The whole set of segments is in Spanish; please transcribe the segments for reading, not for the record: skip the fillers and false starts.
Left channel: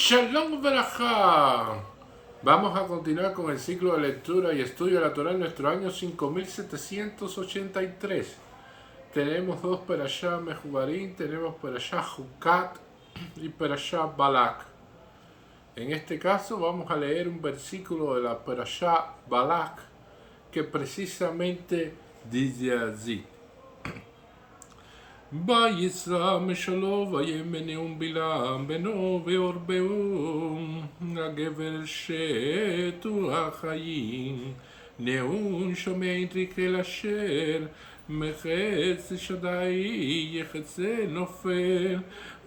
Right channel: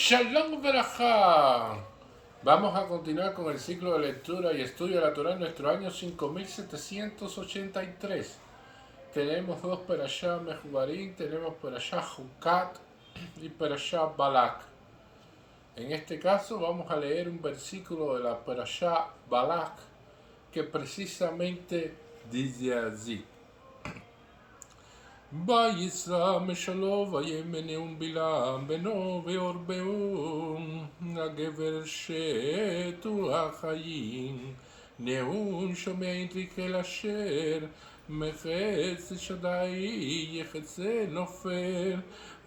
Shalom Berajá. Vamos a continuar con el ciclo de lectura y estudio de la Torá en nuestro año 5783. Tenemos dos Perashá Mejubarim, tenemos Perashá Jucat y Perashá Balak. En este caso vamos a leer un versículo de la Perashá Balak que precisamente dice así. ויצא משלו וימנעום בלעם בנו ועורבעום הגבר שתו החיים נאון שומע אל אשר מחץ שדי יחצה נופל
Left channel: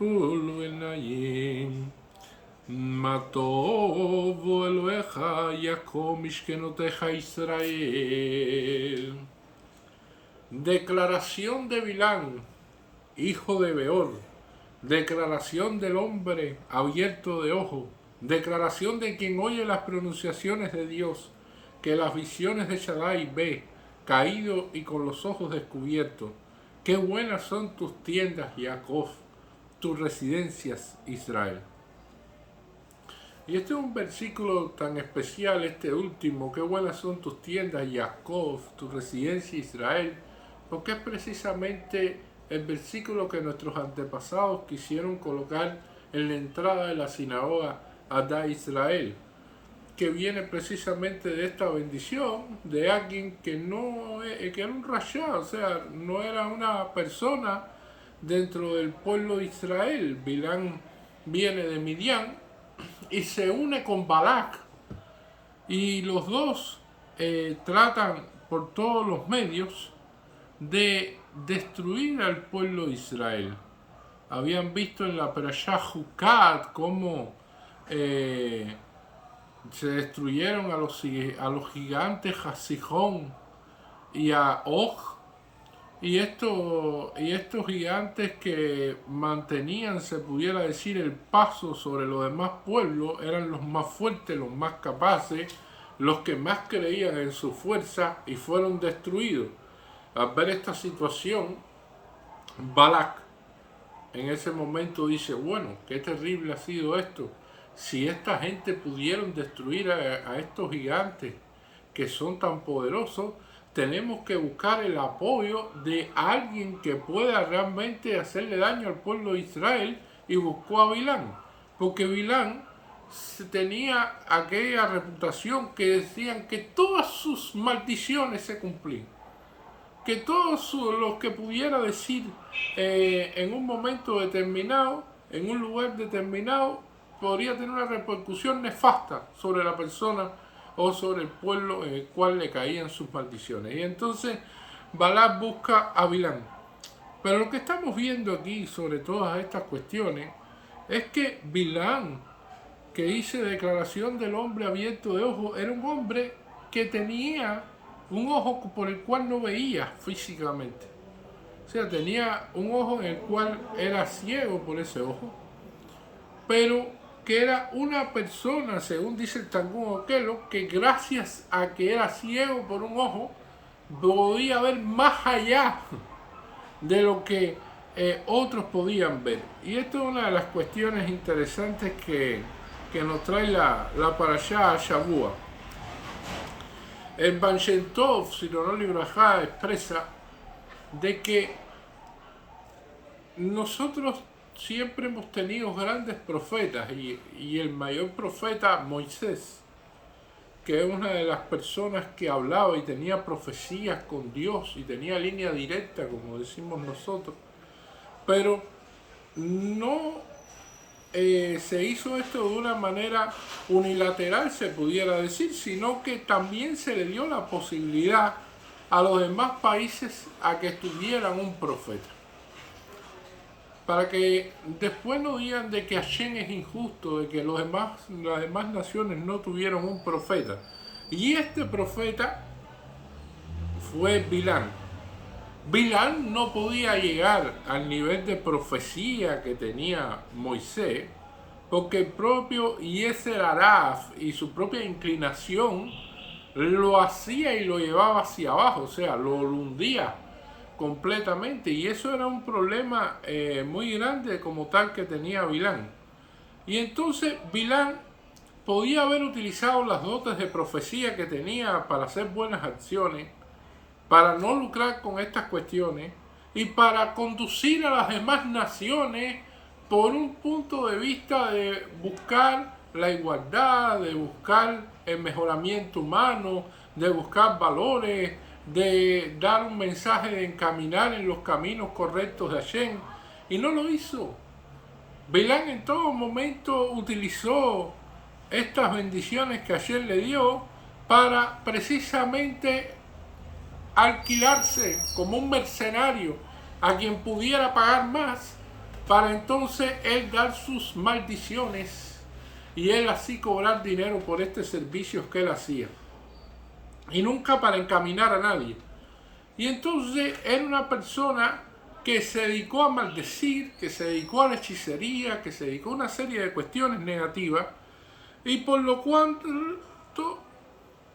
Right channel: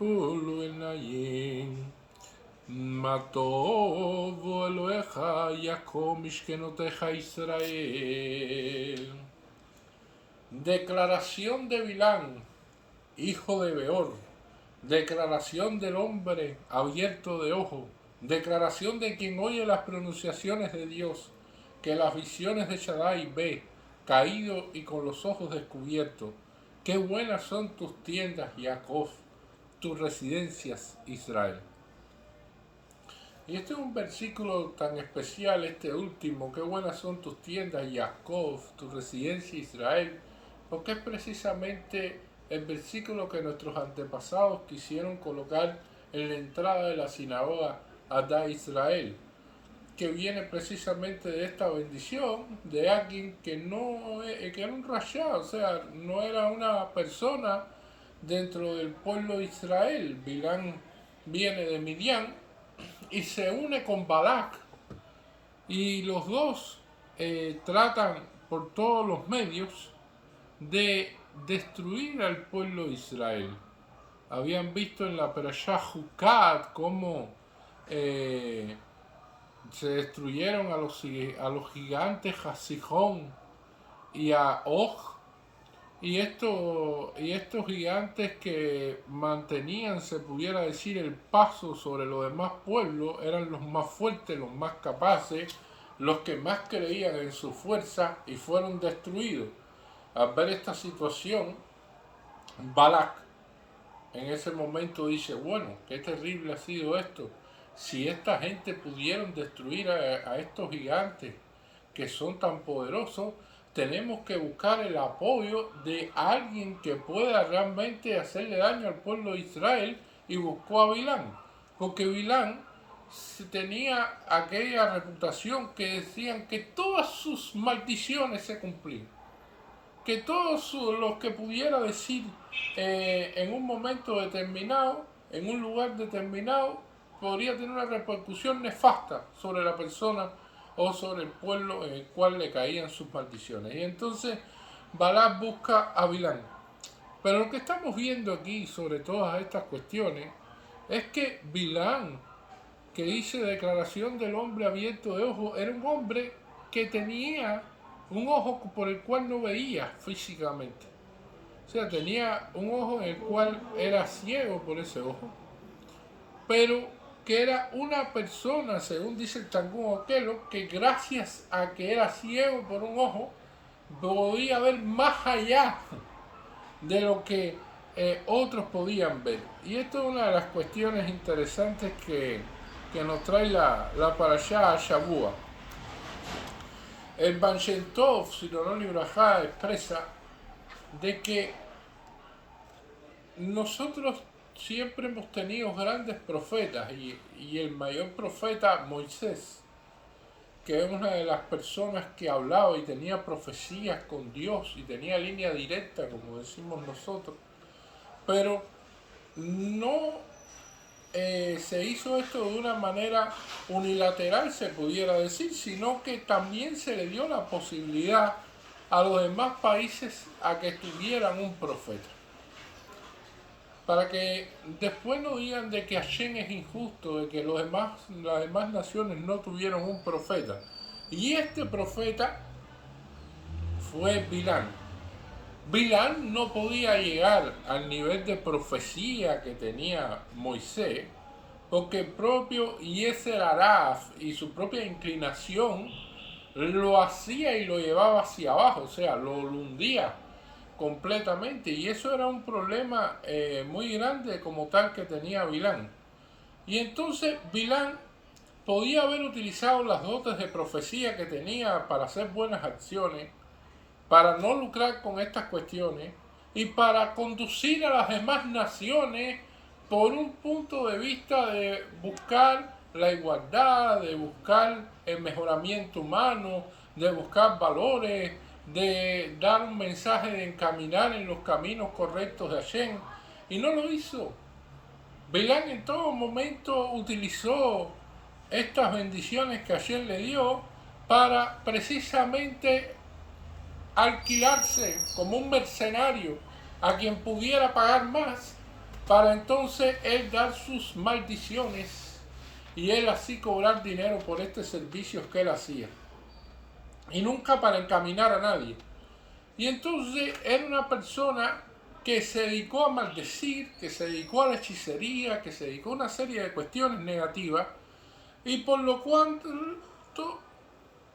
ולו עיניים מה טוב אלוהיך יקום משכנותיך ישראל. Declaración de Bilán, hijo de Beor, declaración del hombre abierto de ojo, declaración de quien oye las pronunciaciones de Dios, que las visiones de Shaddai ve, caído y con los ojos descubiertos. Qué buenas son tus tiendas, Jacob, tus residencias, Israel. Y este es un versículo tan especial, este último, qué buenas son tus tiendas, Jacob, tu residencia, Israel, porque es precisamente el versículo que nuestros antepasados quisieron colocar en la entrada de la sinagoga Adá Israel, que viene precisamente de esta bendición de alguien que que era un rashá, o sea, no era una persona dentro del pueblo de Israel. Bilán viene de Midian y se une con Balak, y los dos tratan por todos los medios de destruir al pueblo de Israel. Habían visto en la Perashá Jucat cómo se destruyeron a los gigantes a Sihón y a Og, y estos gigantes que mantenían, se pudiera decir, el paso sobre los demás pueblos, eran los más fuertes, los más capaces, los que más creían en su fuerza, y fueron destruidos. Al ver esta situación, Balak en ese momento dice, bueno, qué terrible ha sido esto. Si esta gente pudieron destruir a estos gigantes que son tan poderosos, tenemos que buscar el apoyo de alguien que pueda realmente hacerle daño al pueblo de Israel, y buscó a Bilán, porque Bilán tenía aquella reputación que decían que todas sus maldiciones se cumplían, que todos los que pudiera decir en un momento determinado, en un lugar determinado, podría tener una repercusión nefasta sobre la persona o sobre el pueblo en el cual le caían sus maldiciones. Y entonces Balak busca a Bilán. Pero lo que estamos viendo aquí sobre todas estas cuestiones es que Bilán, que hice declaración del hombre abierto de ojo, era un hombre que tenía un ojo por el cual no veía físicamente. O sea, tenía un ojo en el cual era ciego por ese ojo, pero que era una persona, según dice el Targum Okelo, que gracias a que era ciego por un ojo, podía ver más allá de lo que otros podían ver. Y esto es una de las cuestiones interesantes que nos trae la Parashá Shavua. El Baal Shem Tov, Zichrono Libraja, expresa de que nosotros siempre hemos tenido grandes profetas, y el mayor profeta, Moisés, que es una de las personas que hablaba y tenía profecías con Dios y tenía línea directa, como decimos nosotros, pero no se hizo esto de una manera unilateral, se pudiera decir, sino que también se le dio la posibilidad a los demás países a que tuvieran un profeta, para que después no digan de que Hashem es injusto, de que las demás naciones no tuvieron un profeta. Y este profeta fue Bilán. Bilán no podía llegar al nivel de profecía que tenía Moisés, porque el propio Yeser Araf y su propia inclinación lo hacía y lo llevaba hacia abajo, o sea, lo hundía completamente, y eso era un problema muy grande como tal que tenía Bilán. Y entonces Bilán podía haber utilizado las dotes de profecía que tenía para hacer buenas acciones, para no lucrar con estas cuestiones y para conducir a las demás naciones por un punto de vista de buscar la igualdad, de buscar el mejoramiento humano, de buscar valores, de dar un mensaje de encaminar en los caminos correctos de Hashem. Y no lo hizo. Bilán en todo momento utilizó estas bendiciones que Hashem le dio para precisamente alquilarse como un mercenario a quien pudiera pagar más, para entonces él dar sus maldiciones y él así cobrar dinero por este servicio que él hacía, y nunca para encaminar a nadie. Y entonces era una persona que se dedicó a maldecir, que se dedicó a la hechicería, que se dedicó a una serie de cuestiones negativas, y por lo cual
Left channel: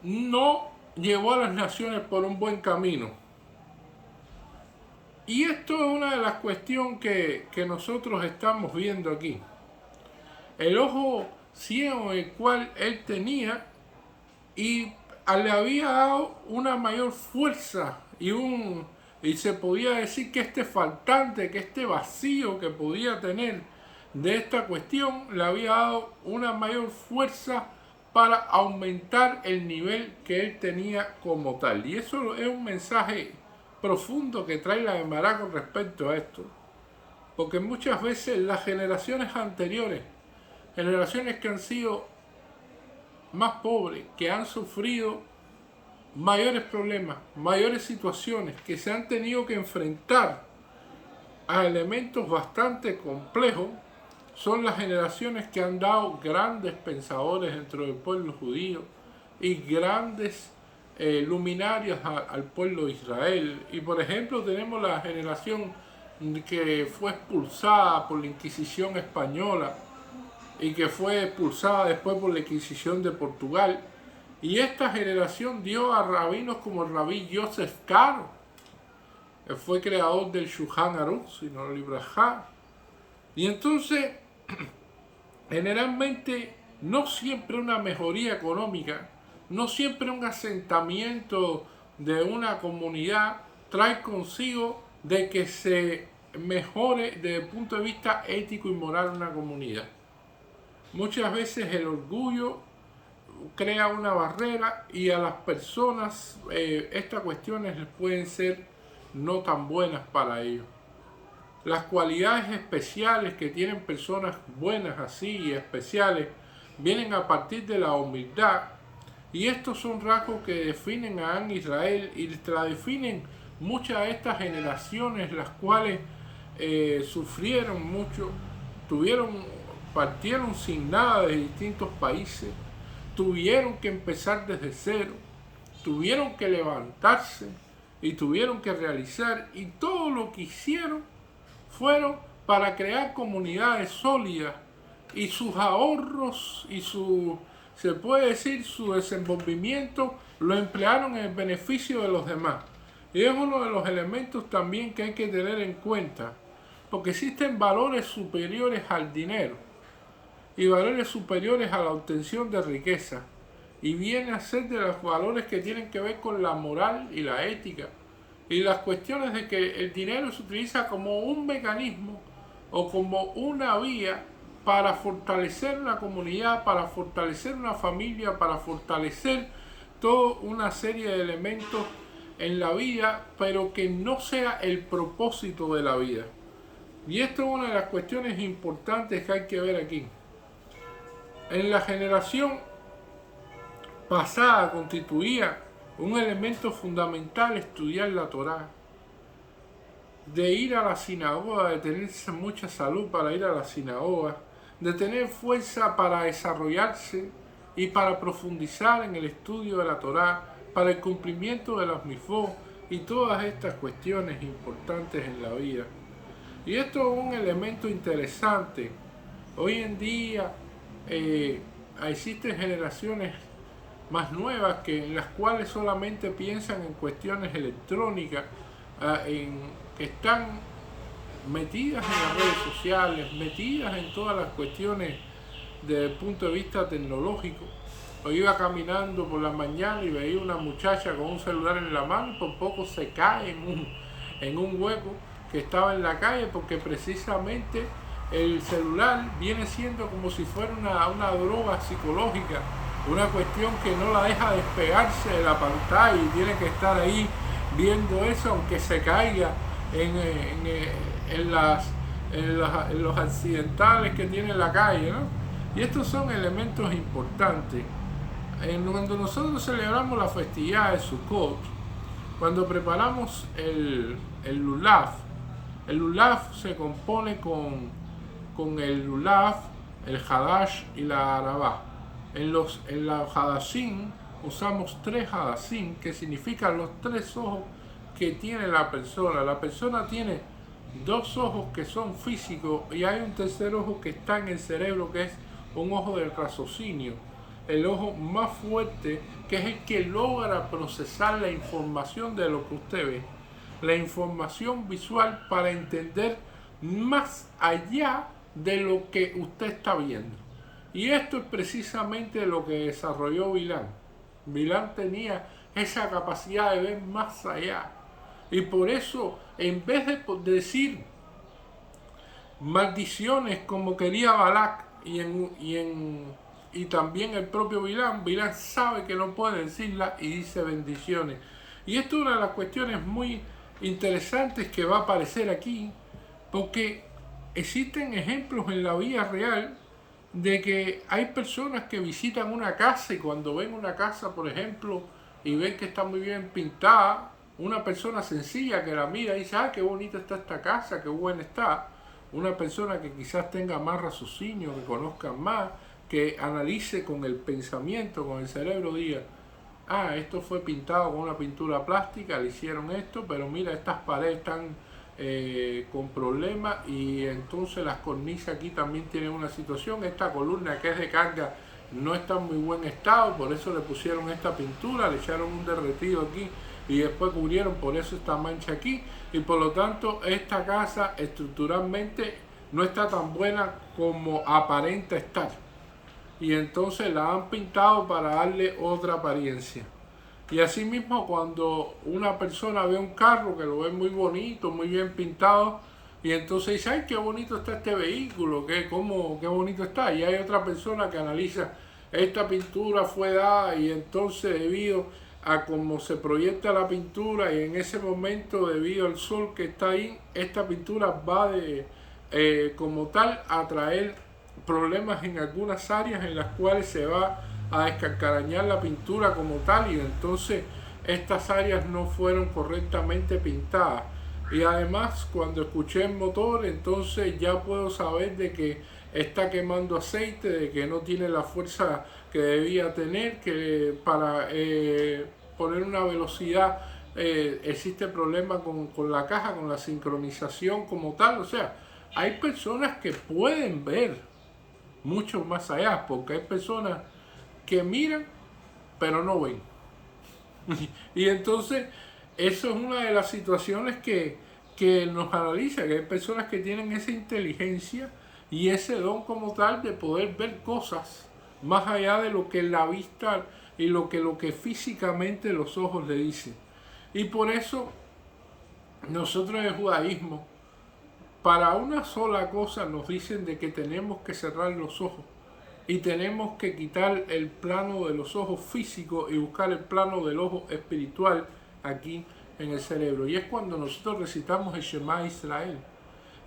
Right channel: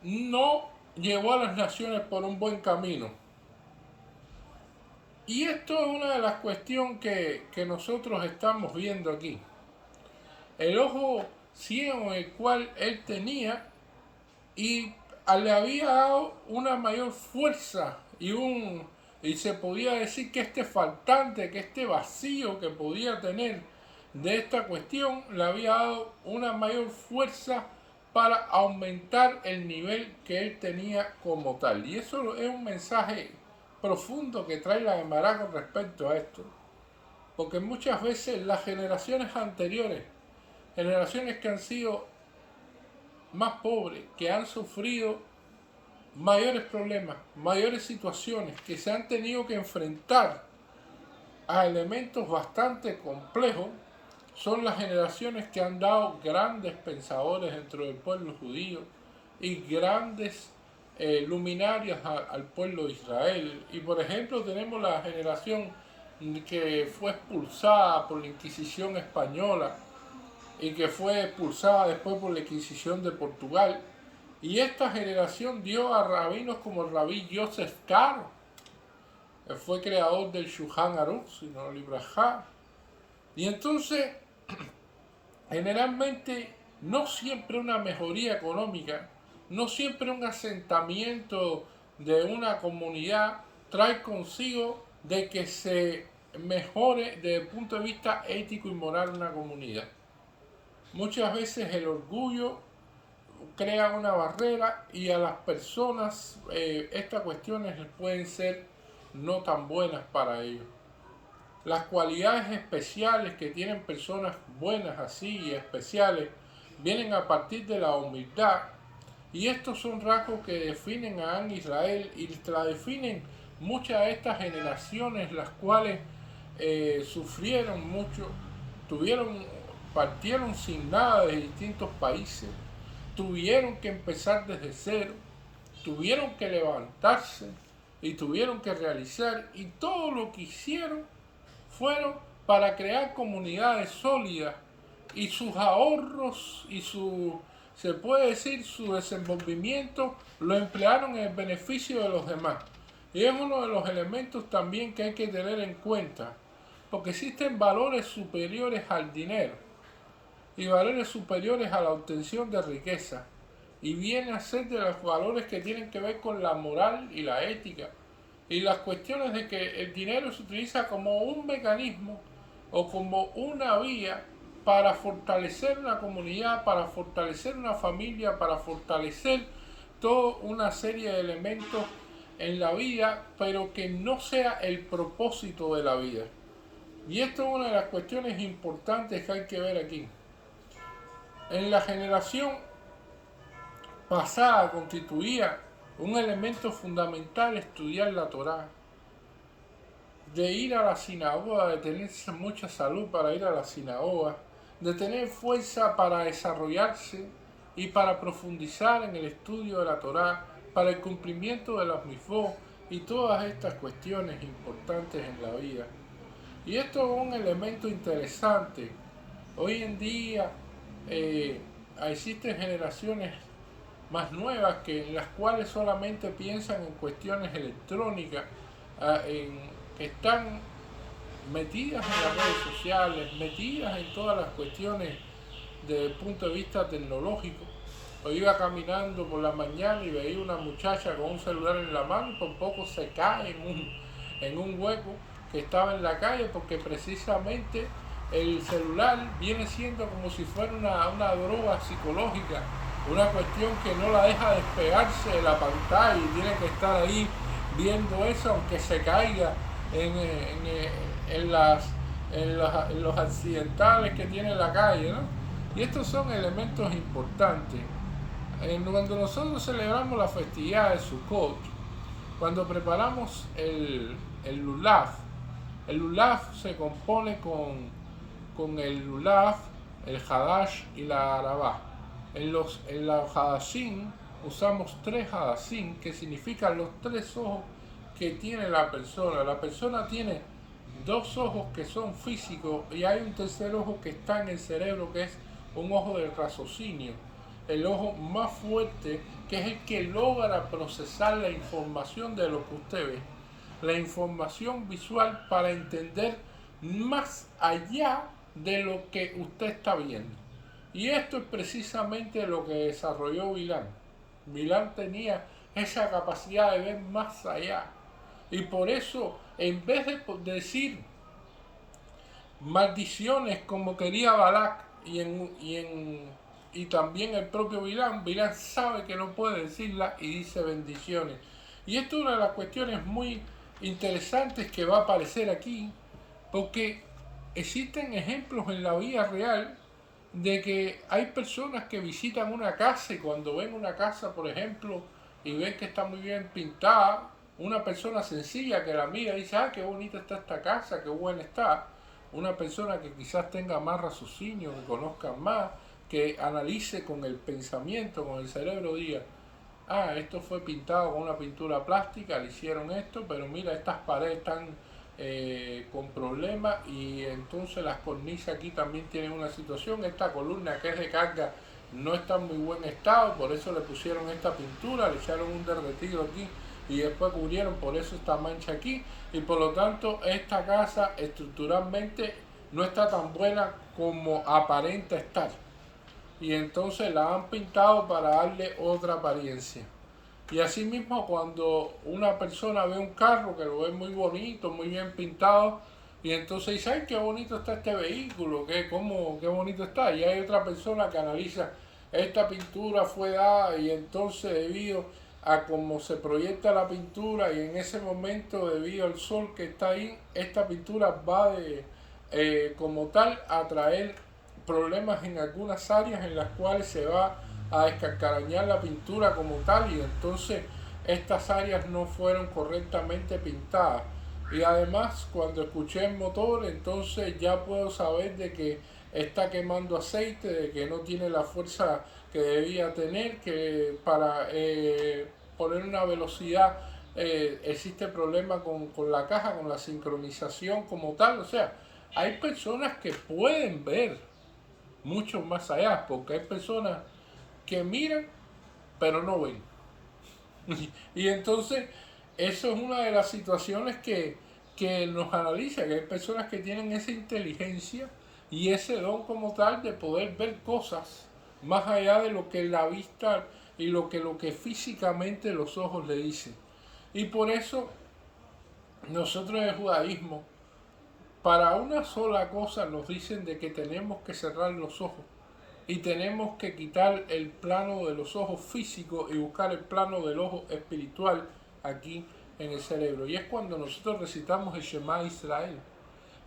no llevó a las naciones por un buen camino. Y esto es una de las cuestiones que nosotros estamos viendo aquí. El ojo ciego el cual él tenía, y le había dado una mayor fuerza y se podía decir que este faltante, que este vacío que podía tener de esta cuestión, le había dado una mayor fuerza para aumentar el nivel que él tenía como tal. Y eso es un mensaje profundo que trae la Gemara con respecto a esto, porque muchas veces las generaciones anteriores, generaciones que han sido más pobres, que han sufrido mayores problemas, mayores situaciones, que se han tenido que enfrentar a elementos bastante complejos, son las generaciones que han dado grandes pensadores dentro del pueblo judío y grandes luminarias al pueblo de Israel. Y por ejemplo tenemos la generación que fue expulsada por la Inquisición española y que fue expulsada después por la Inquisición de Portugal. Y esta generación dio a rabinos como el rabí Yosef Karo, que fue creador del Shulchan Aruch, sino el Ibrahá. Y entonces, generalmente, no siempre una mejoría económica, no siempre un asentamiento de una comunidad trae consigo de que se mejore desde el punto de vista ético y moral una comunidad. Muchas veces el orgullo crea una barrera y a las personas estas cuestiones pueden ser no tan buenas para ellos. Las cualidades especiales que tienen personas buenas así y especiales vienen a partir de la humildad, y estos son rasgos que definen a Israel y la definen muchas de estas generaciones, las cuales sufrieron mucho, partieron sin nada de distintos países, tuvieron que empezar desde cero, tuvieron que levantarse y tuvieron que realizar, y todo lo que hicieron fueron para crear comunidades sólidas, y sus ahorros y se puede decir, su desenvolvimiento lo emplearon en el beneficio de los demás. Y es uno de los elementos también que hay que tener en cuenta, porque existen valores superiores al dinero y valores superiores a la obtención de riqueza, y viene a ser de los valores que tienen que ver con la moral y la ética, y las cuestiones de que el dinero se utiliza como un mecanismo o como una vía para fortalecer una comunidad, para fortalecer una familia, para fortalecer toda una serie de elementos en la vida, pero que no sea el propósito de la vida. Y esto es una de las cuestiones importantes que hay que ver aquí. En la generación pasada constituía un elemento fundamental estudiar la Torá, de ir a la sinagoga, de tener mucha salud para ir a la sinagoga, de tener fuerza para desarrollarse y para profundizar en el estudio de la Torá, para el cumplimiento de los mitzvot y todas estas cuestiones importantes en la vida. Y esto es un elemento interesante. Hoy en día existen generaciones más nuevas en las cuales solamente piensan en cuestiones electrónicas, que están metidas en las redes sociales, metidas en todas las cuestiones desde el punto de vista tecnológico. O iba caminando por la mañana y veía una muchacha con un celular en la mano y por poco se cae en un hueco que estaba en la calle, porque precisamente el celular viene siendo como si fuera una droga psicológica, una cuestión que no la deja despegarse de la pantalla y tiene que estar ahí viendo eso aunque se caiga en los accidentales que tiene la calle, ¿no? Y estos son elementos importantes. Cuando nosotros celebramos la festividad de Sukkot, cuando preparamos el lulav se compone con el lulav, el hadash y la arabá. En los hadashim usamos 3 hadashim, que significan los 3 ojos que tiene la persona. La persona tiene 2 ojos que son físicos y hay un tercer ojo que está en el cerebro, que es un ojo del raciocinio, el ojo más fuerte, que es el que logra procesar la información de lo que usted ve, la información visual, para entender más allá de lo que usted está viendo. Y esto es precisamente lo que desarrolló Bilam. Bilam tenía esa capacidad de ver más allá. Y por eso, en vez de decir maldiciones como quería Balak y también el propio Bilam sabe que no puede decirla y dice bendiciones. Y esto es una de las cuestiones muy interesantes que va a aparecer aquí, porque existen ejemplos en la vida real de que hay personas que visitan una casa y cuando ven una casa, por ejemplo, y ven que está muy bien pintada, una persona sencilla que la mira y dice, qué bonita está esta casa, qué buena está. Una persona que quizás tenga más raciocinio, que conozca más, que analice con el pensamiento, con el cerebro, diga, esto fue pintado con una pintura plástica, le hicieron esto, pero mira, estas paredes están con problemas y entonces las cornisas aquí también tienen una situación, esta columna que es de carga no está en muy buen estado, por eso le pusieron esta pintura, le echaron un derretido aquí y después cubrieron por eso esta mancha aquí, y por lo tanto esta casa estructuralmente no está tan buena como aparenta estar, y entonces la han pintado para darle otra apariencia. Y asimismo, cuando una persona ve un carro que lo ve muy bonito, muy bien pintado, y entonces dice, ay, qué bonito está este vehículo, qué bonito está. Y hay otra persona que analiza, esta pintura fue dada y entonces debido a cómo se proyecta la pintura y en ese momento debido al sol que está ahí, esta pintura va como tal a traer problemas en algunas áreas en las cuales se va a descacarañar la pintura como tal, y entonces estas áreas no fueron correctamente pintadas. Y además, cuando escuché el motor, entonces ya puedo saber de que está quemando aceite, de que no tiene la fuerza que debía tener, que para poner una velocidad existe problema con la caja, con la sincronización como tal. O sea, hay personas que pueden ver mucho más allá, porque hay personas que miran pero no ven. Y entonces eso es una de las situaciones que nos analiza, que hay personas que tienen esa inteligencia y ese don como tal de poder ver cosas más allá de lo que la vista y lo que físicamente los ojos le dicen. Y por eso nosotros en el judaísmo, para una sola cosa nos dicen de que tenemos que cerrar los ojos y tenemos que quitar el plano de los ojos físicos y buscar el plano del ojo espiritual aquí en el cerebro. Y es cuando nosotros recitamos el Shema Israel.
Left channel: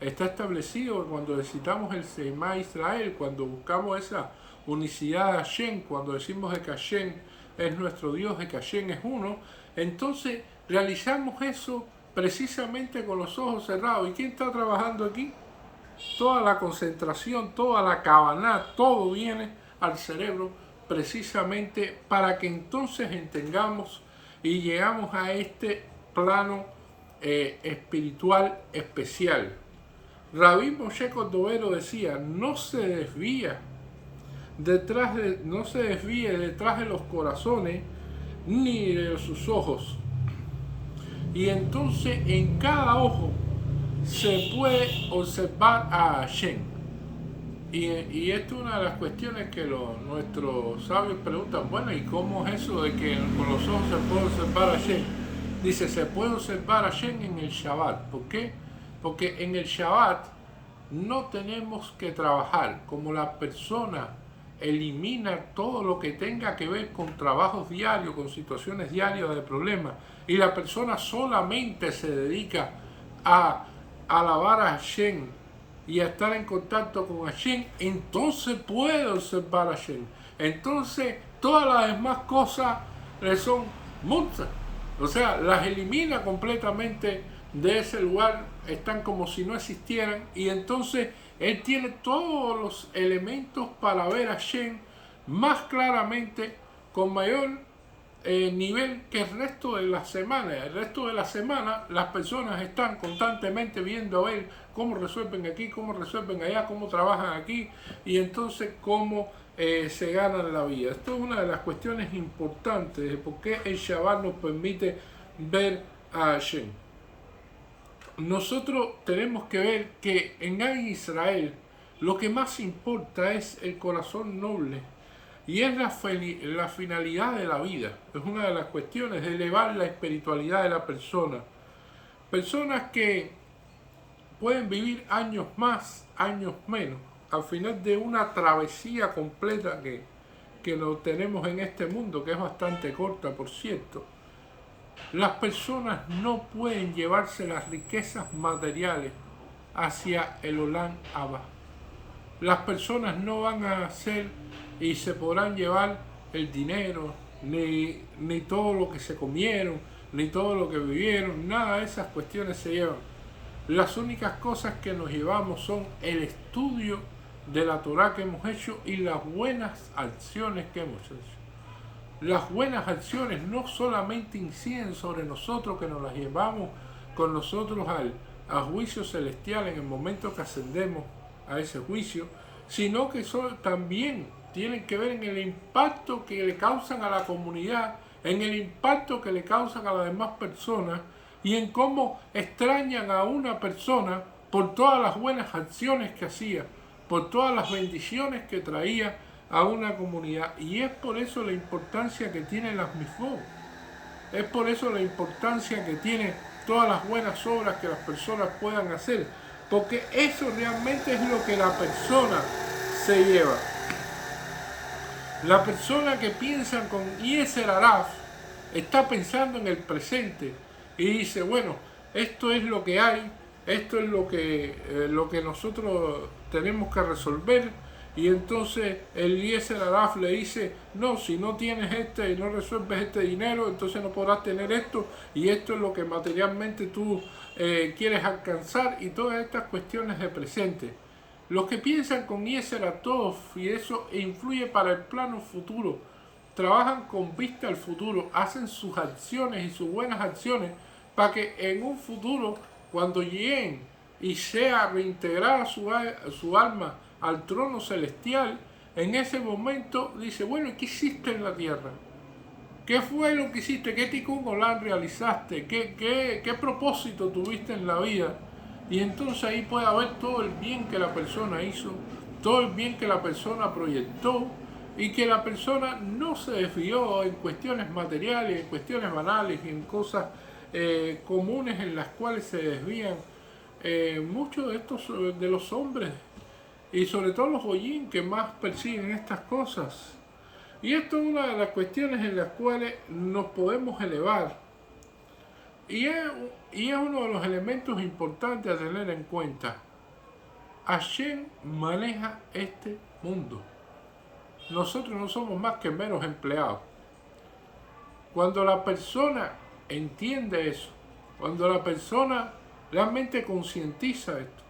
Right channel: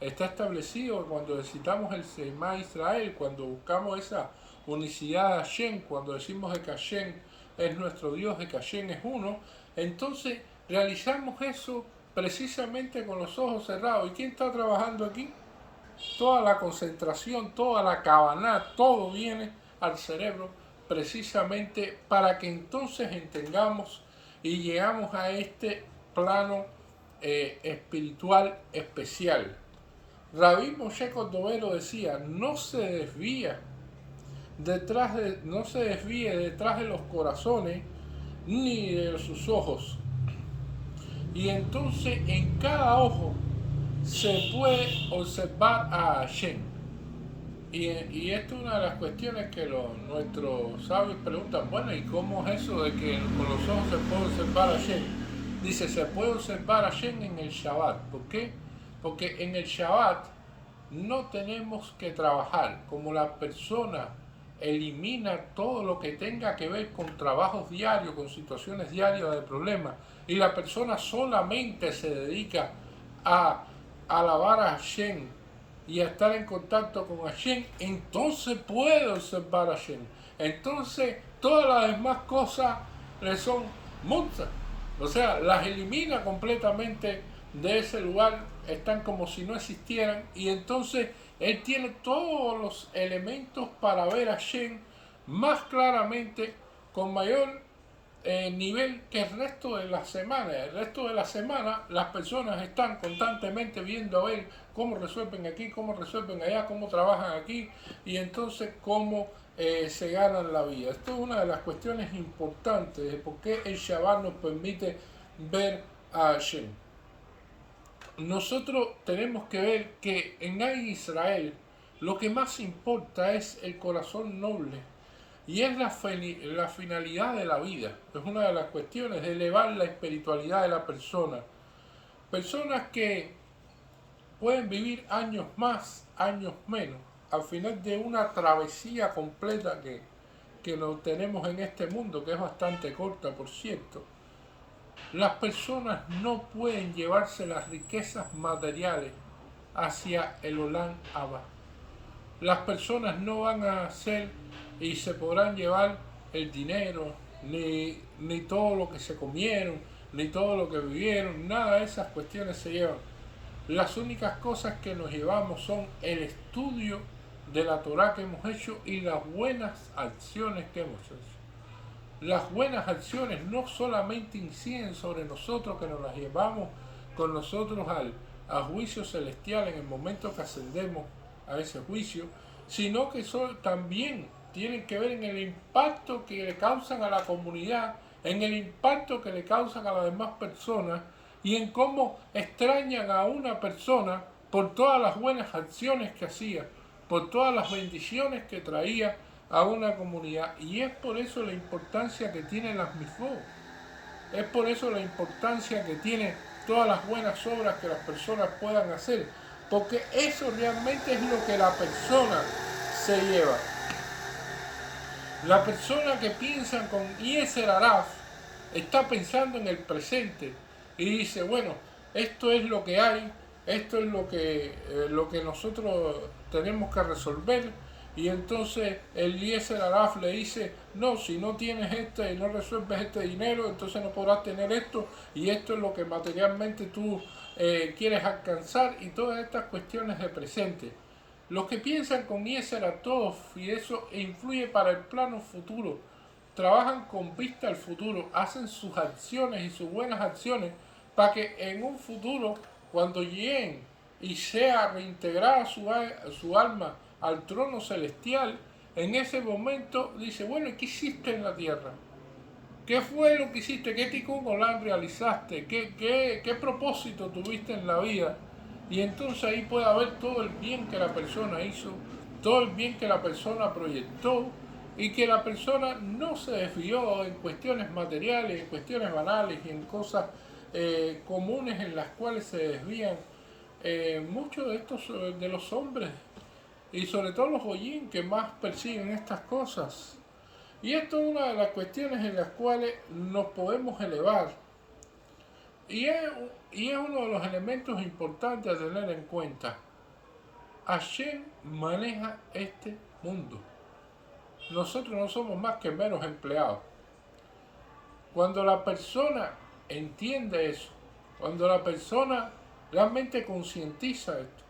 Está establecido que cuando recitamos el Shema Israel, cuando buscamos esa unicidad de Hashem, cuando decimos de que Hashem es nuestro Dios, de que Hashem es uno, entonces realizamos eso precisamente con los ojos cerrados. ¿Y quién está trabajando aquí? Toda la concentración, toda la kavaná, todo viene al cerebro precisamente para que entonces entendamos y llegamos a este plano espiritual especial. Rabí Moshe Cordovero decía, no se desvíe detrás de los corazones ni de sus ojos. Y entonces en cada ojo se puede observar a Hashem. Y esto es una de las cuestiones que nuestros sabios preguntan, bueno, ¿y cómo es eso de que con los ojos se puede observar a Hashem? Dice, se puede observar a Hashem en el Shabbat. ¿Por qué? Porque en el Shabbat no tenemos que trabajar. Como la persona elimina todo lo que tenga que ver con trabajos diarios, con situaciones diarias de problemas, y la persona solamente se dedica a alabar a Hashem y a estar en contacto con Hashem, entonces puede observar a Hashem. Entonces todas las demás cosas le son multas. O sea, las elimina completamente de ese lugar, están como si no existieran, y entonces él tiene todos los elementos para ver a Hashem más claramente, con mayor nivel que el resto de la semana. El resto de la semana las personas están constantemente viendo a ver cómo resuelven aquí, cómo resuelven allá, cómo trabajan aquí, y entonces cómo se ganan la vida. Esto es una de las cuestiones importantes de por qué el Shabbat nos permite ver a Hashem. Nosotros tenemos que ver que en Israel lo que más importa es el corazón noble y es la finalidad de la vida. Es una de las cuestiones de elevar la espiritualidad de la persona. Personas que pueden vivir años más, años menos, al final de una travesía completa que no tenemos en este mundo, que es bastante corta, por cierto. Las personas no pueden llevarse las riquezas materiales hacia el Olam Abba. Las personas no van a hacer y se podrán llevar el dinero, ni todo lo que se comieron, ni todo lo que vivieron, nada de esas cuestiones se llevan. Las únicas cosas que nos llevamos son el estudio de la Torah que hemos hecho y las buenas acciones que hemos hecho. Las buenas acciones no solamente inciden sobre nosotros, que nos las llevamos con nosotros al juicio celestial en el momento que ascendemos a ese juicio, sino que también tienen que ver en el impacto que le causan a la comunidad, en el impacto que le causan a las demás personas y en cómo extrañan a una persona por todas las buenas acciones que hacía, por todas las bendiciones que traía a una comunidad. Y es por eso la importancia que tiene las mitzvot. Es por eso la importancia que tiene todas las buenas obras que las personas puedan hacer. Porque eso realmente es lo que la persona se lleva. La persona que piensa con Yetzer Hara está pensando en el presente y dice, bueno, esto es lo que hay, esto es lo que nosotros tenemos que resolver. Y entonces el Yetzer Hara le dice, no, si no tienes y no resuelves este dinero, entonces no podrás tener esto, y esto es lo que materialmente tú quieres alcanzar, y todas estas cuestiones de presente. Los que piensan con Yetzer Hara y eso influye para el plano futuro, trabajan con vista al futuro, hacen sus acciones y sus buenas acciones para que en un futuro, cuando lleguen y sea reintegrada su alma al trono celestial, en ese momento dice, bueno, ¿qué hiciste en la tierra? ¿Qué fue lo que hiciste? ¿Qué tikkun olam realizaste? ¿Qué propósito tuviste en la vida? Y entonces ahí puede haber todo el bien que la persona hizo, todo el bien que la persona proyectó, y que la persona no se desvió en cuestiones materiales, en cuestiones banales y en cosas comunes en las cuales se desvían muchos de los hombres, y sobre todo los goyim que más persiguen estas cosas. Y esto es una de las cuestiones en las cuales nos podemos elevar. Y es uno de los elementos importantes a tener en cuenta. Hashem maneja este mundo. Nosotros no somos más que meros empleados. Cuando la persona entiende eso, cuando la persona realmente concientiza esto,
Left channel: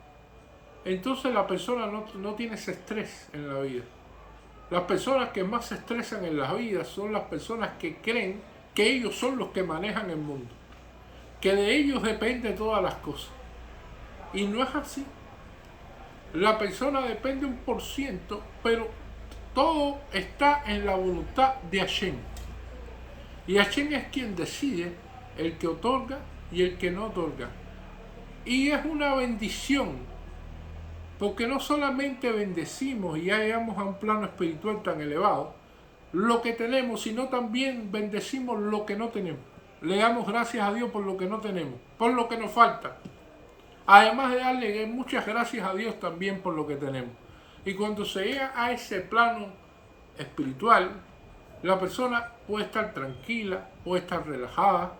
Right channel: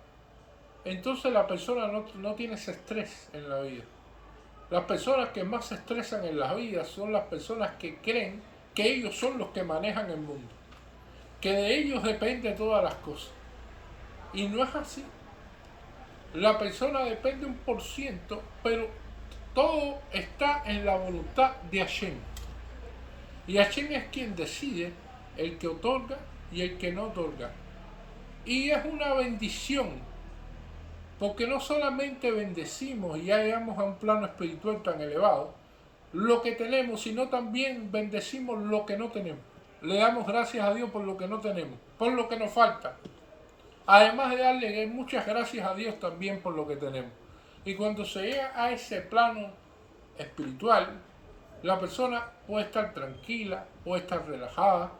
entonces la persona no tiene ese estrés en la vida. Las personas que más se estresan en la vida son las personas que creen que ellos son los que manejan el mundo, que de ellos dependen todas las cosas. Y no es así. La persona depende 1%, pero todo está en la voluntad de Hashem. Y Hashem es quien decide, el que otorga y el que no otorga. Y es una bendición Porque no solamente bendecimos y ya llegamos a un plano espiritual tan elevado, lo que tenemos, sino también bendecimos lo que no tenemos. Le damos gracias a Dios por lo que no tenemos, por lo que nos falta. Además de darle muchas gracias a Dios también por lo que tenemos. Y cuando se llega a ese plano espiritual, la persona puede estar tranquila, puede estar relajada,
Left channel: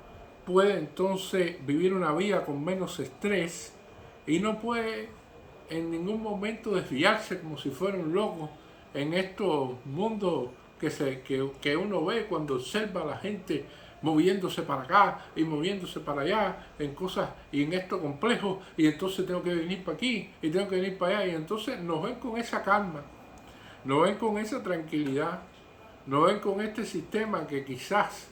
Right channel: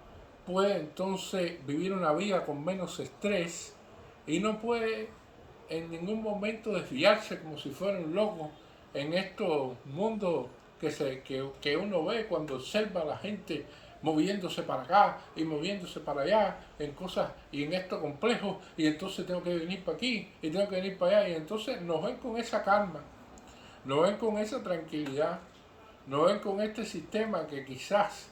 puede entonces vivir una vida con menos estrés y no puede en ningún momento desviarse como si fuera un loco en estos mundos que uno ve cuando observa a la gente moviéndose para acá y moviéndose para allá en cosas y en esto complejo, y entonces tengo que venir para aquí y tengo que venir para allá, y entonces nos ven con esa calma, nos ven con esa tranquilidad, nos ven con este sistema que quizás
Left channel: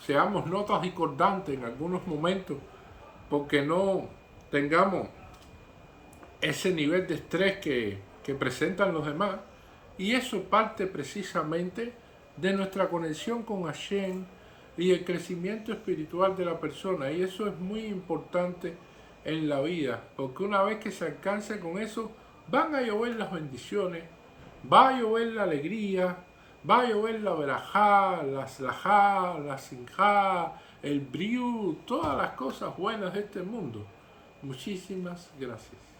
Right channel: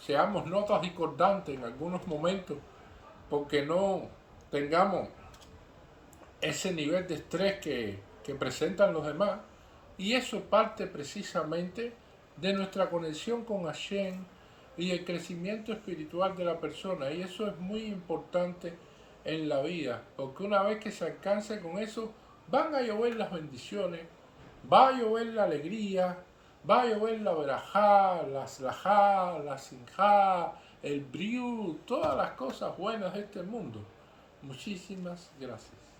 seamos notas discordantes en algunos momentos porque no tengamos ese nivel de estrés que presentan los demás, y eso parte precisamente de nuestra conexión con Hashem y el crecimiento espiritual de la persona, y eso es muy importante en la vida, porque una vez que se alcance con eso, van a llover las bendiciones, va a llover la alegría, va a llover la verajá, la slajá, la sinjá, el briú, todas las cosas buenas de este mundo. Muchísimas gracias.